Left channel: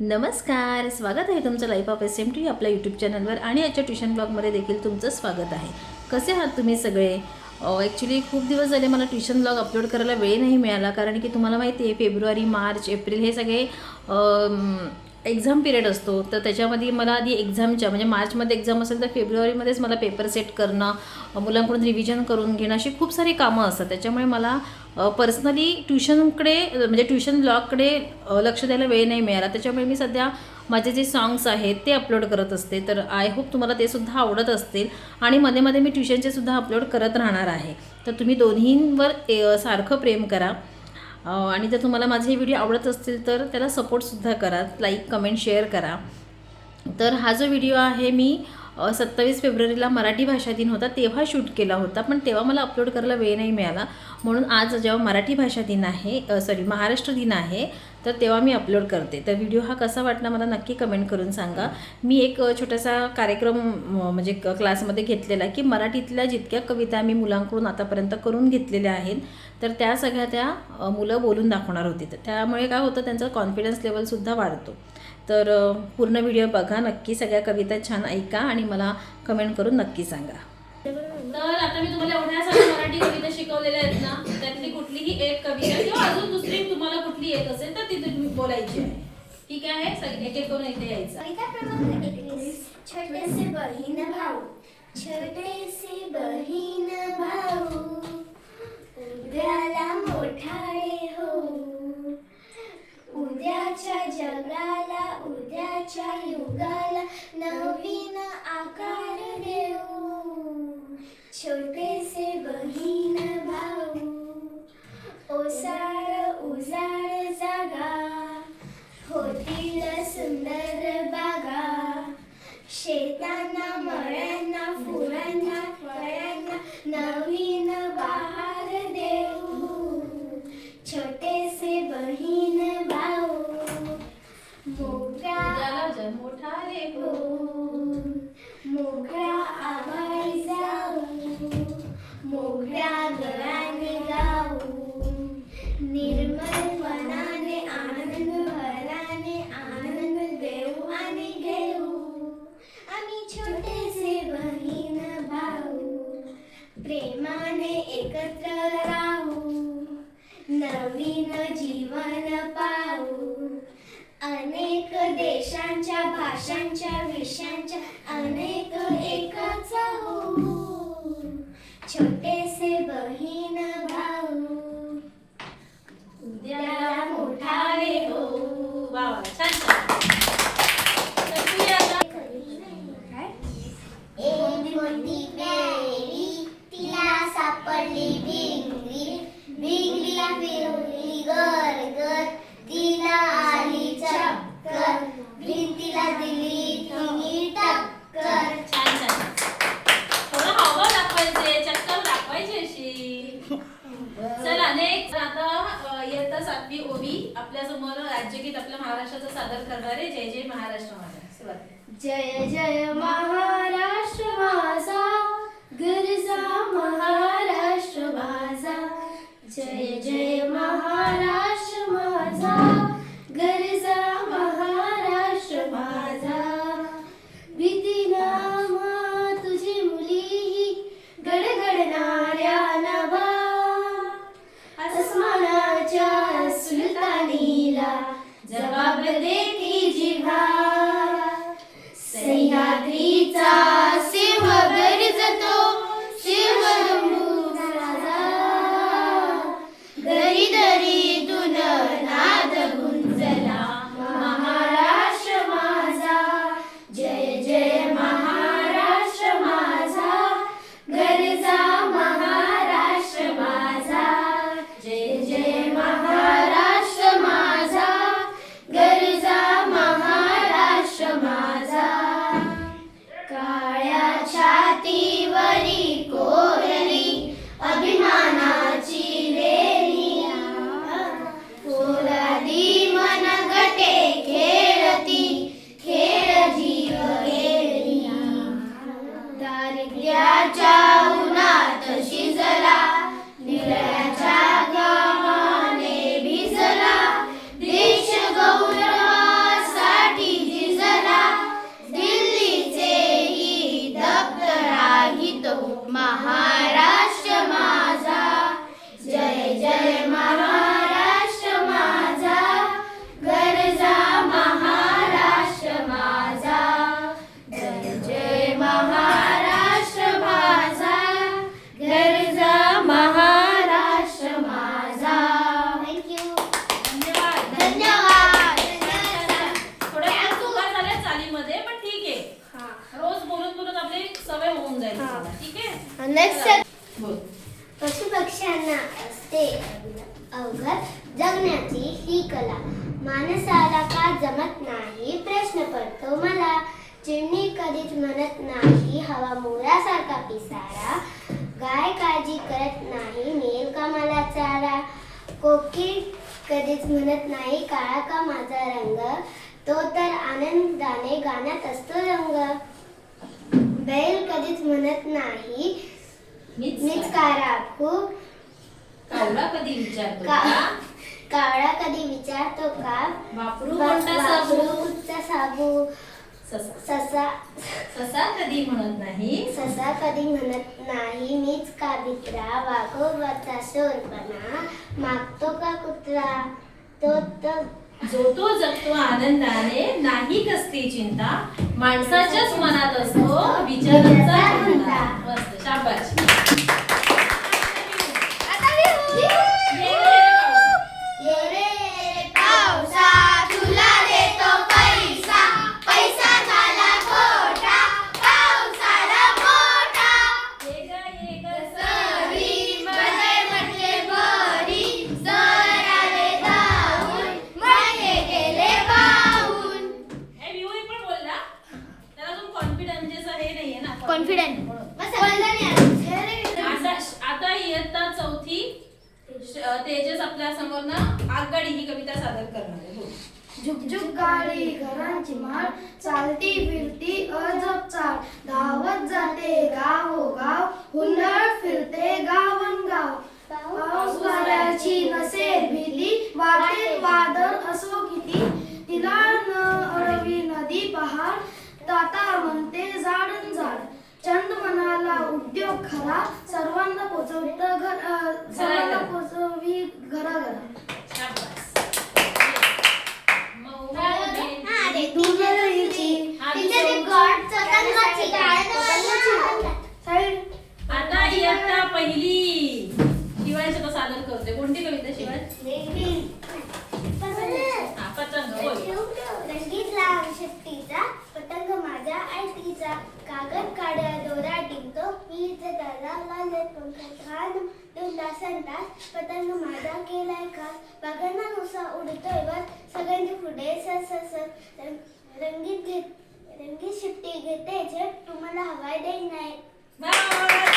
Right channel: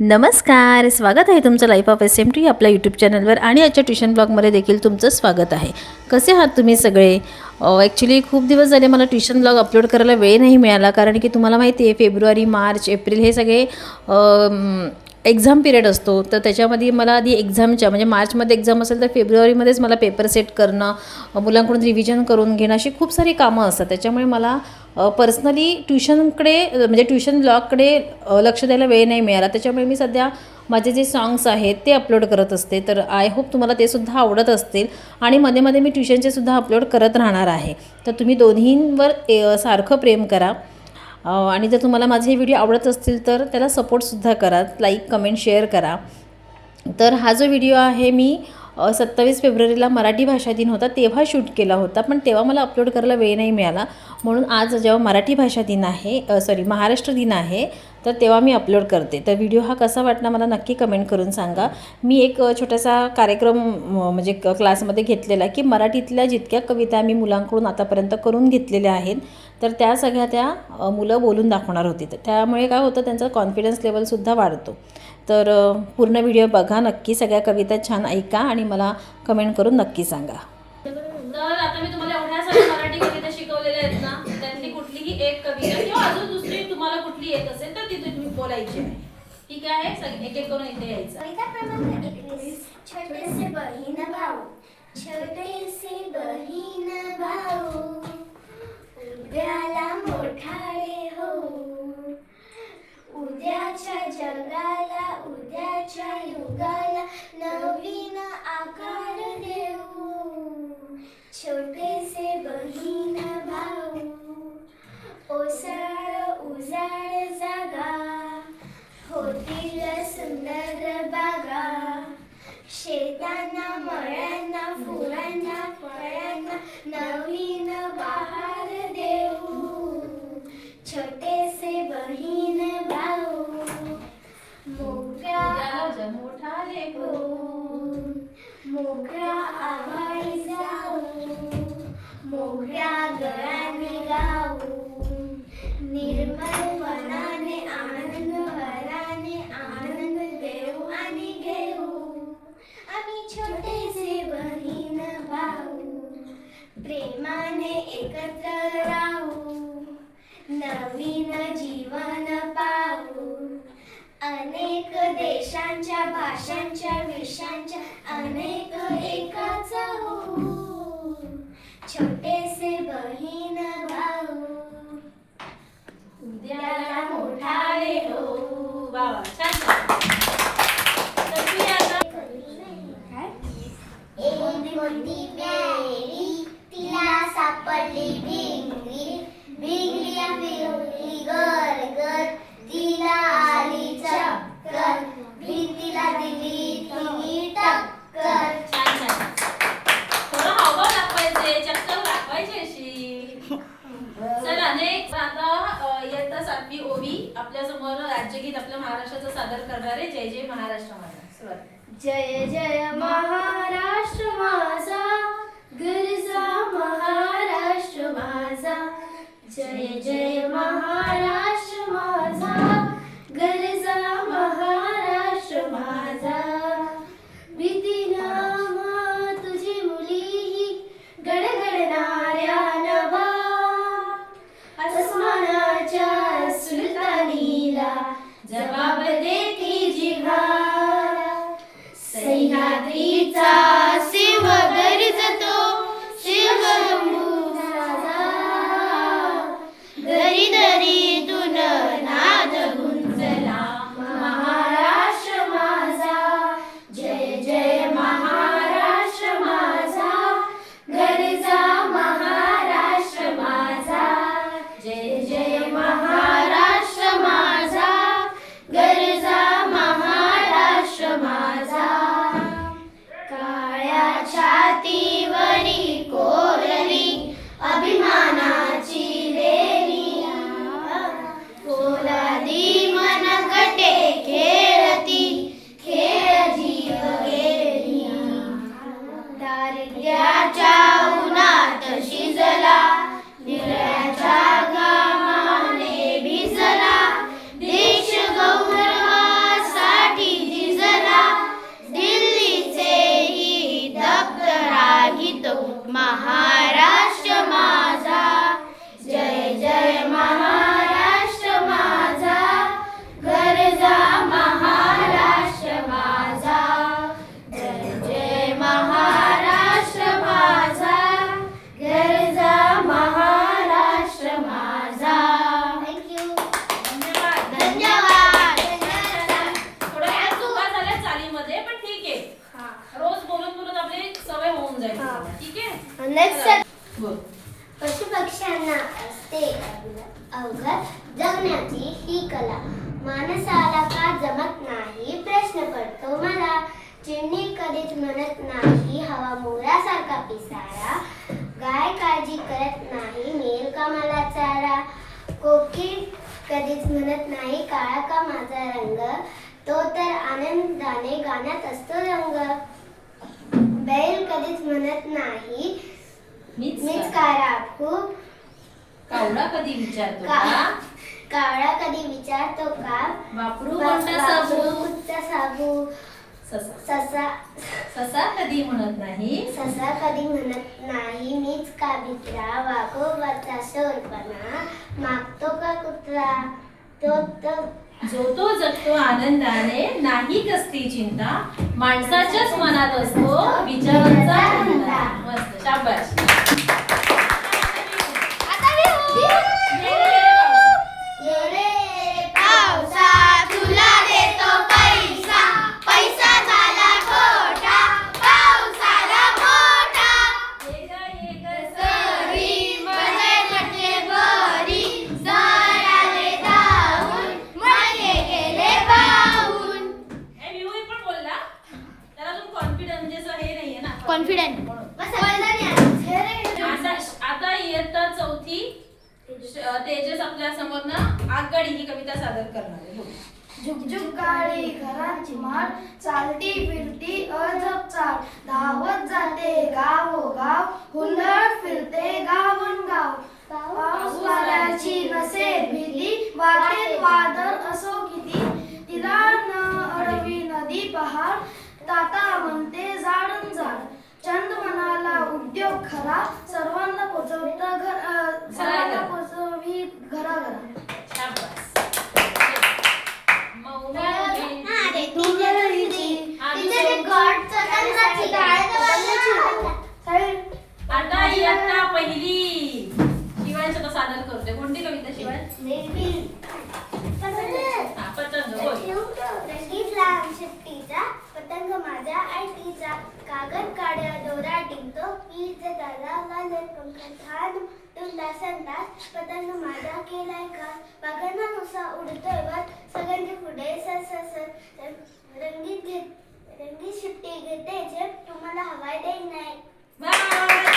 नमस्कार, स्वागत आहे तुमचं लाईफ ऑफ SMT आपल्या यूट्यूब चॅनलवर आणि आजच्या ट्युशन ब्लॉगमध्ये देखील तुमचं स्वागत आहे। कसे आहात तुम्ही सगळे? ॲक्च्युली खूप दिवस झाले मला ट्युशन ब्लॉग अपलोड करायला वेळ नाही मिळाला, कारण की तुम्हाला माहिती आहे फेब्रुवारी, मार्च, एप्रिल हे सगळे एक्झाम पिरियड असतो। तर त्याच्यामध्ये मला आधी एक्झामच्या म्हणजे मार्चमध्ये एक्झाम असेल तर फेब्रुवारीमध्येच मला पेपर सेट करणं, मुलांकडून रिव्हिजन करून घेणं अशी खूप सारी कामं असतात। त्याच्यामुळे मला पर्सनली ट्युशनकडे म्हणजे ट्युशन ब्लॉगकडे लक्ष द्यायला वेळ नाही मिळाला। त्याच्यामुळे मी सध्या माझे जे सॉंग्स आहेत ते अपलोड करत असते। तर आय होप तुम्हाला ते सुद्धा आवडत असतील आणि मध्ये मध्ये मी ट्युशनचे सुद्धा अपलोड करत राहणार आहे। तर तुम्ही दोन्हींवर सारखं प्रेम करा आणि जर तुम्हाला माझे व्हिडिओ आवडत असतील तर त्याला सपोर्टसुद्धा करा, लाईक कमेंट शेअर करा। तर हा जो व्हिडिओ आहे मी 27 फेब्रुवारीला मराठी भाषा दिन होता तेव्हा शूट केला होता, पण तेव्हा मला अपलोड करायला वेळ नाही मिळाला। म्हणून आज जेव्हा मराठी भाषा दिन आहे महाराष्ट्र दिन आहे तर तेव्हा मी अपलोड करते। तर व्हिडिओ हा कसा वाटला मला नक्की कमेंट करून सांगा। मी एक छोटासा कार्यक्रम म्हणजे क्लासमध्ये घेतलेला की मराठीतल्या जितक्या कविता मी मुलांकडून आतापर्यंत करून घेतलेल्या आहेत तर त्या सगळ्या त्या मुलं बोलून दाखवणार होती। तर त्यामुळे काय होतं, त्यांचा कॉन्फिडन्स लेवलसुद्धा वाढतो। तर पूर्ण व्हिडिओ बघा नक्की, सगळ्या कविता छान ऐका आणि मला कमेंट करून नक्की सांगा। तर आता मी तुम्हाला एवढ्या सगळ्या मराठी कविता शिकवलेल्या आहेत ना, त्यातली कुठलीही एक कविता किंवा अजून दुसरी तुम्हाला कुठली येत असेल तर ती तुम्ही बोलायची आहे। ठीक आहे, एक एक करून इथे यायचं। कविता क्रमांक 21। छोटेसे बहीण भाऊ, छोटेसे बहीण भाऊ, उद्याला मोठाले हो, उद्याच्या जगाला उद्याच्या युगाला नवीन आकार देऊ। छोटेसे बहीण भाऊ, ओसाड उजाड जागा, होतील सुंदर बागा, शेतांना मळ्यांना फुलांना फळांना नवीन बहार देऊ। छोटेसे बहीण भाऊ, मोठ्या मोठाले हो, मोठ्या आभाळी जाऊ, मोठ्या गळ्याने गाऊ, निर्मल मनाने आनंद भराने आनंद देऊ आणि घेऊ। आम्ही छोटेसे बहीण भाऊ, प्रेमाने एकत्र राहू, नवीन जीवन पाहू, अनेक देशांच्या भाषांच्या विषयांच्या अनेक एकच होऊ। छोटेसे बहीण भाऊ, उद्याला मोठाले हो। वा वा, छान छान। तर तुम्ही आता एक होती प्यारी, तिला सापडली भिंगरी, भिंगरी फिरली गर गर, तिला आली चक्कर, भिंतीला दिली तिने टक्कर। छान छान, थोडं हावभाव दाखवायचे, चक्कर दाखवायची अशी। चला नेक्स्ट, आता इयत्ता 7वी ओवी आपल्या समोर राज्यगीत आपल्या महाराष्ट्राचं सादर करणारे जय जय महाराष्ट्र माझा। सुरुवात। जय जय महाराष्ट्र माझा, गरजा महाराष्ट्र माझा, जय जय महाराष्ट्र माझा, गरजा महाराष्ट्र माझा। भीती नामा तुझी मुली गडगडणाऱ्या नभा, आसमानाच्या सुलतानीला जबाब देती जिव्हा, सह्याद्रीचा शिव गरजतो शिवलंबू राजा, दरी दरीतून नाद गुंजला महाराष्ट्र माझा, जय जय महाराष्ट्र माझा, गरजा महाराष्ट्र माझा, जय जय महाराष्ट्र माझा, गरजा महाराष्ट्र म्हणत नाही हवा मोरासारखा पिसारा, गाय काळजी करत नाही मिळेल का मला चारा, कोकिळ कधीच म्हणत नाही काळा का माझा रंग, तो तर आनंदाने गाण्यात असतो रंग, बैल कधीच म्हणत नाही मीच का राखू, कावळा कधी विचारतो का- का? कावळा कधी विचारतो का, वापरू कोणता साबू? वापरूचा साबू, ससा ससा कधी म्हणत नाही ससा कधी म्हणत नाही मीच का भित्रा, वाघोबाचा शोरपणा मागतो का कुत्रा, जो तो जगतो आनंदाने, नाही कसली चिंता, माणसाच्याच मनात असतो विचारांचा धंदा. मस्त, शाबास. ये रे पावसा तुला देतो पैसा, पैसा झाला खोटा, पाऊस आला मोठा, सरी मध्ये म्हटले बरी, सर आले धावून मये गेले वाहून. हे विवई पण बोलला. त्याला अजून कॉन्फिडन्स म्हणजे असं हे नाहीये ना. कॉन्फिडंट म्हणून. आता इयत्ता चौथी तेजस आपल्या समोर ना आगगाडी ही कविता सादर करणार आहे. बोल. झुकझुक गाडी घराची माळ, चालती फिरती अजब चाल, धावत जाते गावोगाव, हुंदडत फिरते गावोगाव, पाऊस वाऱ्याची नसेल भीती, वाटेत वादळ असो किती, तिला न अडवी नदी पहाड, ताता म्हणते जाडन जाड, चंद मनाला उद्योग खरा, सर्वांना पोचवी घराघरा. शाबास. आता इयत्ता पहिली शिवायचं तर सादर करतोय. कोणती कविता शिवाय? हा, पतंग. बोल. रंगीत लांब शिट्टीचा पतंग माझ्या आयटीचा, कागद काढ्या दोरा टिंगतो, वीज दादा घालत पंख खान तुला संतास, पतंग माझा केलाय का, बघना नुसा उडतोय वर, सगळ्यांचे पुढे रंगीत शिट्टी घेते जे तुम्हाला हवाय देत नाही. बाय.